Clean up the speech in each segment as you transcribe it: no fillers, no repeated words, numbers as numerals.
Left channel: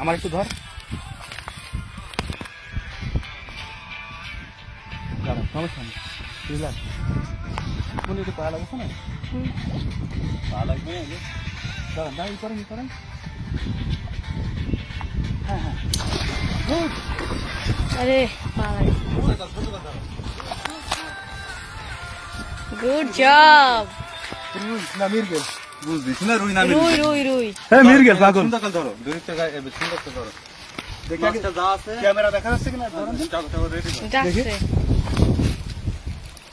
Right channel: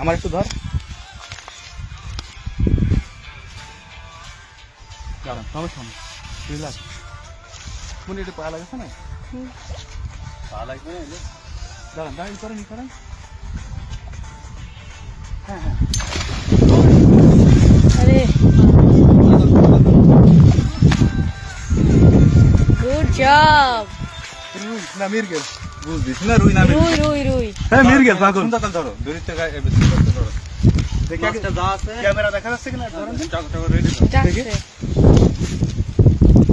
আমার একটু ধর, সমস্যা নেই, বুঝলাম। কোন একটু পাওয়া লাগছে না, পাওয়া লাগবে না, দাঁড়ান দাঁড়িয়ে করেন করেন। হ্যাঁ হ্যাঁ, अरे गुड जॉब। রুই না মির্গেল, বুঝবি না, রুই না रुई रुई रुई হ্যাঁ মির্গেল পাগল। ধরো দূর থেকে সুন্দর ধরো, দেখি ক্যামেরা দেখা যাচ্ছে কিনা, ধরেন जाके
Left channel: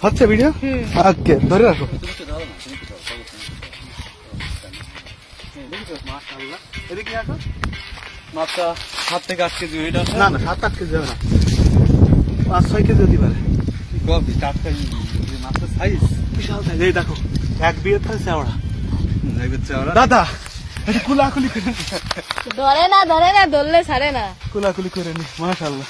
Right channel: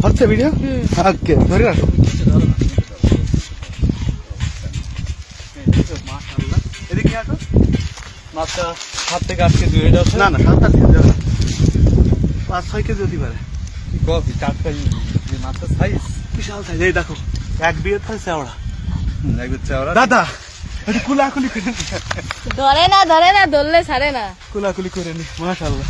হচ্ছে ভিডিও। ওকে ধরে রাখো। মাশাআল্লাহ, এদিকে আসো। মাছটা 7 থেকে 8 কেজি হয়ে যাচ্ছে। না না 7-8 কেজি হবে না, 5-6 কেজি হতে পারে। কবি টাটকাই মাছটা সাইজ বিশাল সাইজ। এই দেখো এক বিয়ে থাকে চাওড়া, দাদা একটু কুলাকুলি করে নি, धरे ना धरले ছাড়ে না, কুলাকুলি করে নি। মাশাআল্লাহ,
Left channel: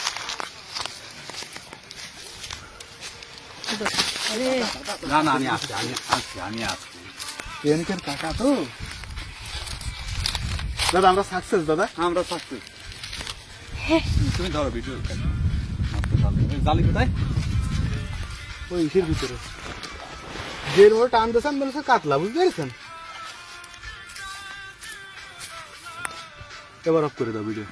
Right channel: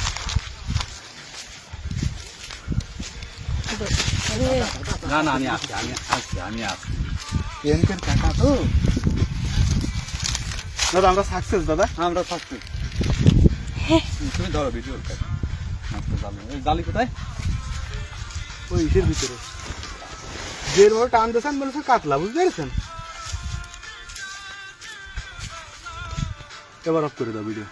না না আমি আসছি, এনকের কাকা তো দাদা। আমরা সাকসেস দাদা, আমরা সাকসেস। তুমি ধরো ভিডিও, জালি কোথায়? ওই ইসের ভিতরে যে ভাবে টান দিয়েছেন বলেছে কাতলা, বুঝতে পেরেছেন? এবার অফ করে দাও ভিডিও।